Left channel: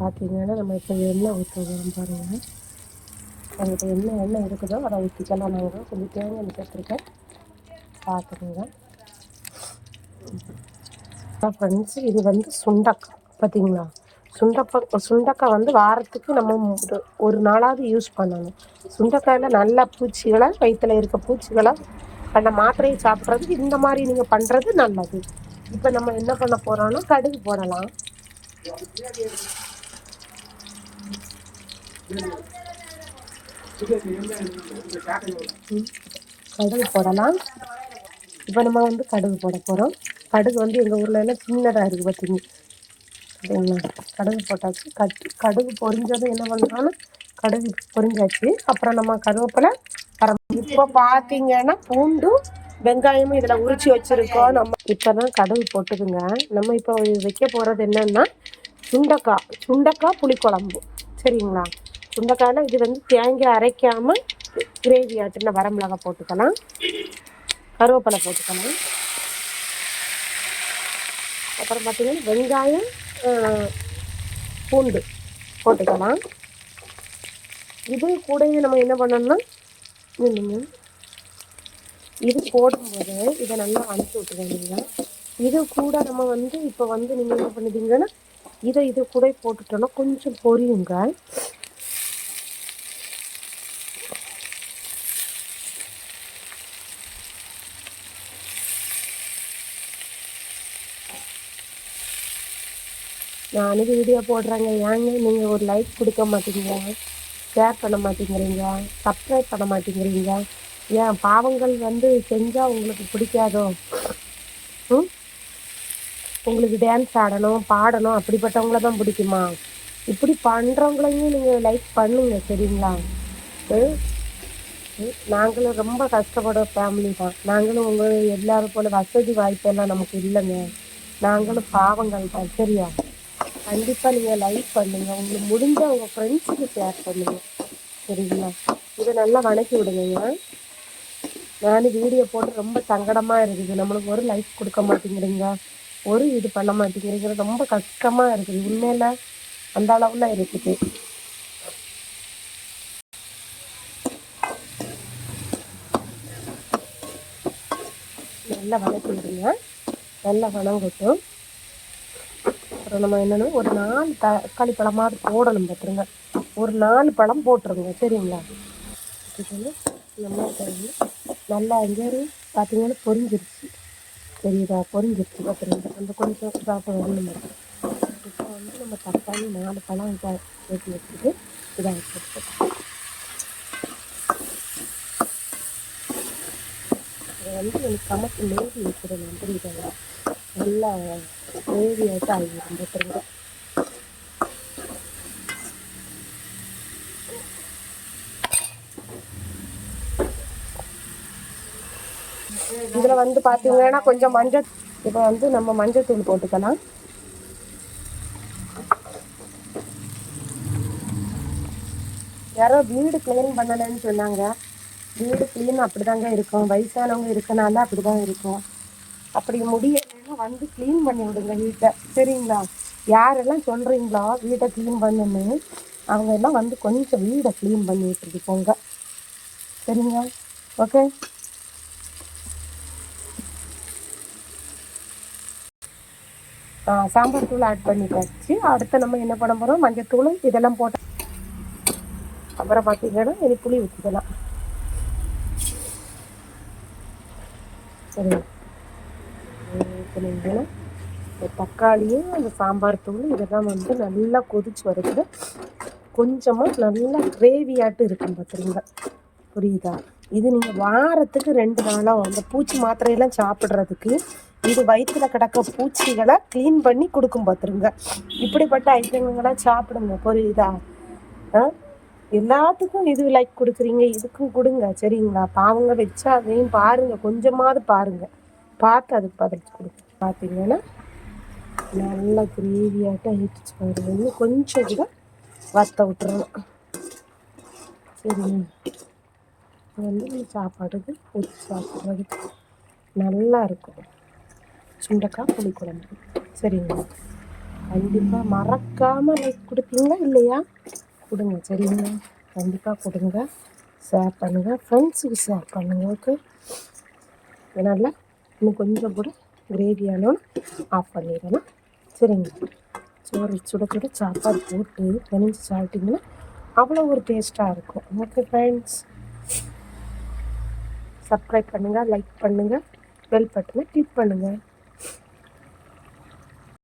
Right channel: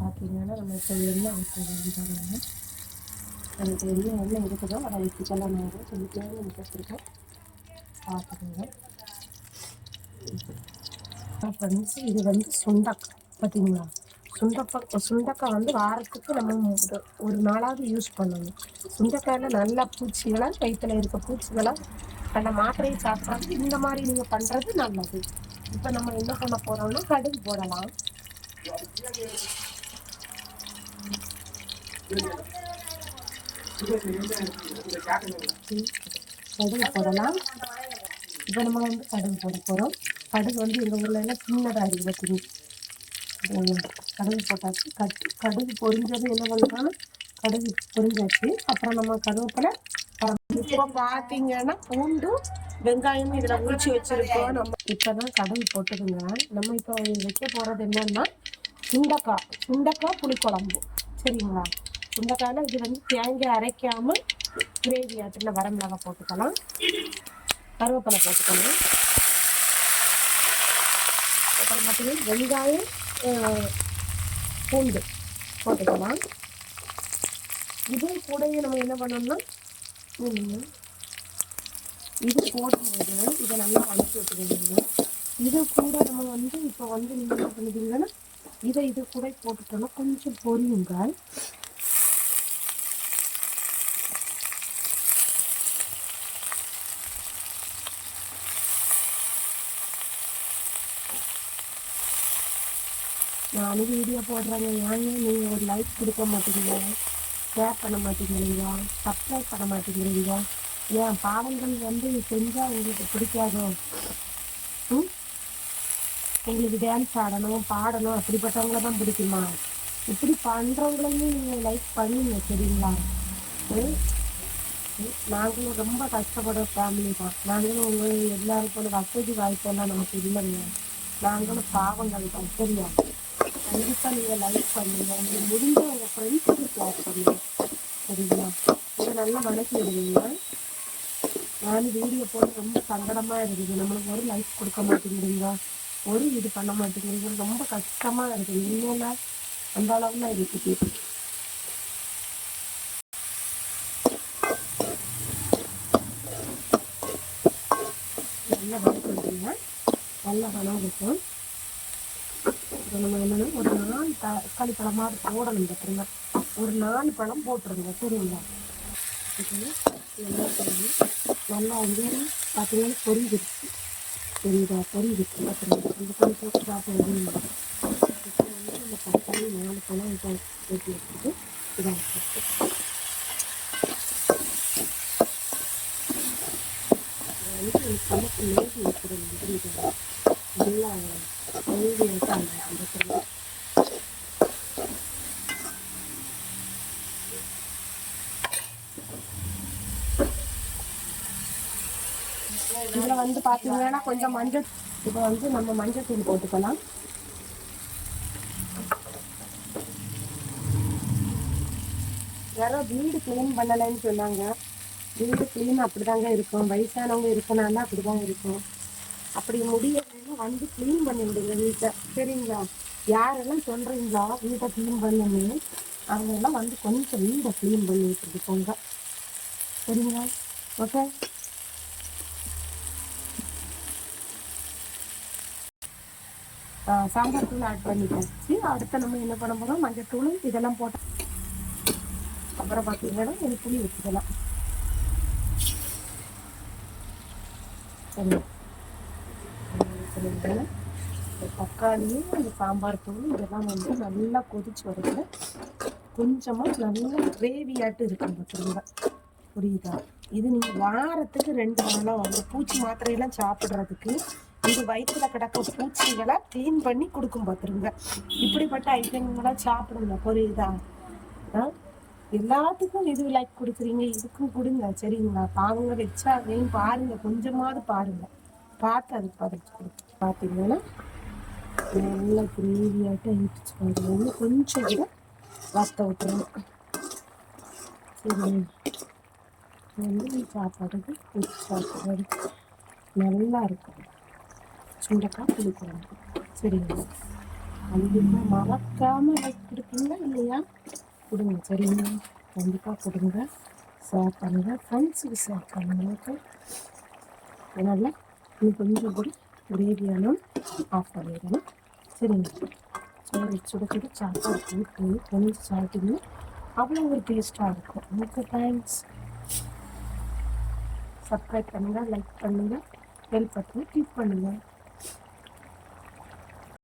பார்த்தீங்கன்னா நம்ம இப்போ எண்ணெய் ஊற்றுறோம் பாருங்கள் நம்மகிட்ட என்ன எண்ணெய் இருக்குதோ அதை ஊற்றிக்கலாம் நான் கொஞ்சம் தேங்காய் சேர்த்துருக்கேன் பார்த்துக்கோங்க. ஃப்ரெண்ட்ஸ் இது வந்து சுண்டக்காய் பார்த்தீங்களா? சுண்டக்காய் சுண்டக்காய் வந்து வாரத்துக்கு நம்ம ஒரு ஒரு நாளாவது யூஸ் பண்ணணும். சுண்டக்காயில் நல்ல பூச்சிகளை வயிற்றில் இருக்க பூச்சிகளை அந்த மாத்திரையை சாப்பிட்றது இந்த மாதிரி நீங்கள் பண்ணுறது நல்லது. இப்போ நம்ம என்ன பண்ண போகிறோம்னா கடுகு போடலாம். கடுகு போடலாம். இப்போ நம்ம வந்து கடுகு போட போகிறோம் கடுகு வந்து எங்கள் ஊரில் எல்லாம் சின்னதாக இருக்குது பார்த்தீங்க கடுகு போட்டாச்சு. கட் கடுகு பொரிஞ்சதும் என்ன பண்ணுறோன்னா கடுகு பொரிஞ்சாச்சு. அப்புறம் நம்ம கருவேப்பிலை இப்போ பார்த்தீங்கன்னா பூண்டும் வெங்காயமும் இதில் உரிச்சு வச்சுருக்கோம். நம்ம இப்போ தான் கடுகு நம்ம இப்போ வைக்க போகிறது என்னன்னா சுண்டக்காய் சுண்டக்காய் புளிக்குழம்பு. சரிங்களா? சுண்டக்காயில் இது வந்து தேங்காய் அரைக்காமல் கிரேவி ஆட்டுன வரமிளகாய் போட்டுக்கலாம். கருவேப்பிலை போட்டுக்கலாம். அப்புறம் பார்த்தீங்கன்னா வெங்காயம் ஆஹ், பூண்டு போட்டுக்கலாம். இது கூடயே நம்ம என்ன பண்ணணும்னா இது போடும்போது இதை நல்லா அனுப்பி விட்டுருவீங்க இது கூட நம்ம வந்து இப்போ வந்து நீங்கள் என்ன பண்ணுவீங்கன்னா இதை இது கூட போட்டுட்டோம்னா கொஞ்சம் பொரியுங்க. நான் வீடியோ போடுறாங்க. ஏங்க நீங்கள் ஒரு லைக் கொடுக்க மாட்டீங்க? ஷேர் பண்ண மாட்டேங்கிறீங்க? சப்ஸ்கிரைப் பண்ண மாட்டேங்கிறீங்க? ஏன் பாவங்கள் வந்து செஞ்சால் உங்களுக்கு பிடிக்காதோ? ம்? உங்களுக்கு டான்ஸ் ஆடணும் பாடணும் அப்படிப்பட்டவங்கள தான் பிடிக்குமா? இப்படி பண்ணுறவங்களையும் நீங்கள் லைக் பண்ணுங்க சரிங்களா? ம்? ம், நாங்களும் ரொம்ப கஷ்டப்படுற ஃபேமிலி தான். நாங்களும் உங்கள் எல்லாரும் போல வசதி வாய்ப்பெல்லாம் நமக்கு இல்லைங்க. நாங்களும் பாவங்கள் தான் சரியா? கண்டிப்பாக நீங்கள் லைக் பண்ணுங்க. உங்களுக்கு முடிஞ்ச உங்கள் ஃப்ரெண்ட்ஸுக்கு ஷேர் பண்ணுங்க சரிங்களா? இதை நல்லா வணக்கி விடுங்க நானும் வீடியோ போட்டு ரொம்ப சங்கடமாக இருக்குது. நம்மளுக்கு ஒரு லைக் கொடுக்க மாட்டேங்கிறீங்க. ஒரு இது பண்ண மாட்டேங்கிறீங்க. ரொம்ப கஷ்டமாக இருக்குது. உண்மையில அந்த அளவில் இருக்குது. நல்லா வணக்கி நல்லா வணங்கட்டும் அப்புறம் நம்ம என்னன்னா ஒரு நாலு தக்காளி பழமாவது போடணும் பார்த்துருங்க ஒரு நாலு பழம் போட்டுருங்க. சரிங்களா? இது நல்லா தெரியும் நல்லா வந்து பார்த்தீங்கன்னா பொரிஞ்சிருச்சு. சரிங்களா பொரிஞ்சிருச்சு. பார்த்துருங்க நம்ம கொஞ்சம் சாப்பிட வேணும் இப்போ வந்து நம்ம தக்காளி நாலு பழம் இதை ஏற்றி வச்சுட்டு இதாக வச்சுருக்கோம் இதை வந்து எனக்கு சமைச்சு மேகி வைக்கிறேன் புரியுதுங்க நல்லா மேகி ஆகிட்டு ஆகிடும் பார்த்துருங்க இதில் வந்து பார்த்தீங்கன்னா கொஞ்சம் மஞ்சள் இப்போ வந்து நம்ம மஞ்சள் தூள் போட்டுக்கலாம். யாரோ வீடு க்ளீன் பண்ணலைன்னு சொன்னாங்க. வீடு க்ளீன் அப்படிதாங்க இருக்கும். வயசானவங்க இருக்கனால அப்படிதான் இருக்கும். அப்படி முடியலைன்னா வந்து க்ளீன் பண்ணி விடுங்க வீட்டை. சரிங்களா? யாரெல்லாம் சொல்கிறீங்களோ வீட்டை க்ளீன் பண்ணுன்னு அவங்க எல்லாம் வந்து கொஞ்சம் வீடை க்ளீன் பண்ணி விட்டுட்டு போங்க. சரிங்களா? ஓகே சாம்பல் சாம்பார் தூள் ஆட் பண்ணிட்டாச்சு அடுத்து நம்ம என்ன பண்ண போகிறோம் மஞ்சள் இதெல்லாம் போட்டு அப்புறம் பார்த்தீங்கன்னா இது புளி ஊற்றிக்கலாம் சரி. இந்த தக்காளியும் அந்த சாம்பார் தூள் இதெல்லாம் வந்து நல்லா கொதிச்சு வரைக்கும் கொஞ்சமாக நல்லா கிரேவியாட்டு இருக்கும் பார்த்துருங்க புரியுதா? இது நீங்கள் வாரத்துக்கு ரெண்டு நாளாக அந்த பூச்சி மாத்திரையெல்லாம் சாப்பிட்றதுக்கு இது வயிற்றுல கிடக்க பூச்சிகளை க்ளீன் பண்ணி கொடுக்கும் பார்த்துருங்க இப்படிப்பட்ட ஐட்டங்களை சாப்பிடுங்க. புரியுதா? ஆ? எல்லாத்துக்கும் இது லைக் கொடுக்குறீங்க. இதுக்கும் கொடுங்க. சரிங்களா? பாவங்க வச்சா அதையும் பாருங்க. கொஞ்சமாவது பாருங்க. பார்த்து அதுக்கு பதச்சு கொடுங்க பார்த்தீங்கன்னா நல்லா கிரேவியாட்டம் ஆயிடுச்சு பாருங்க. இன்னும் கொஞ்சம் கூட வத்த விட்டுறணும். சரி. வந்து சாப்பாடுக்கு ஊற்றி சாப்பிட்றதுக்கு நல்லா இருக்கும். சுண்டக்காய் புளிக்குழம்பு. சரிங்களா கண்டிப்பாக மறக்காமல் லைக் கொடுப்பீங்க இல்லையா? கொடுங்க சரிங்களா கண்டிப்பாக கொடுங்க. ஷேர் பண்ணுங்கள் ஃப்ரெண்ட்ஸுக்கு ஷேர் பண்ணுங்க ஓகே இன்னும் கொஞ்சம் கூட கிரேவியானோன்னு ஆஃப் பண்ணிடணும். சரிங்க. சோறு சுட சுட சாப்பாடு போட்டு கணிஞ்சு சாப்பிட்டிங்கன்னா அவ்வளோ ஒரு டேஸ்ட்டாக இருக்கும். ஓகே ஃப்ரெண்ட்ஸ் சப்ஸ்கிரைப் பண்ணுங்கள் லைக் பண்ணுங்கள் பெல் பட்டனை கிளிக் பண்ணுங்கள்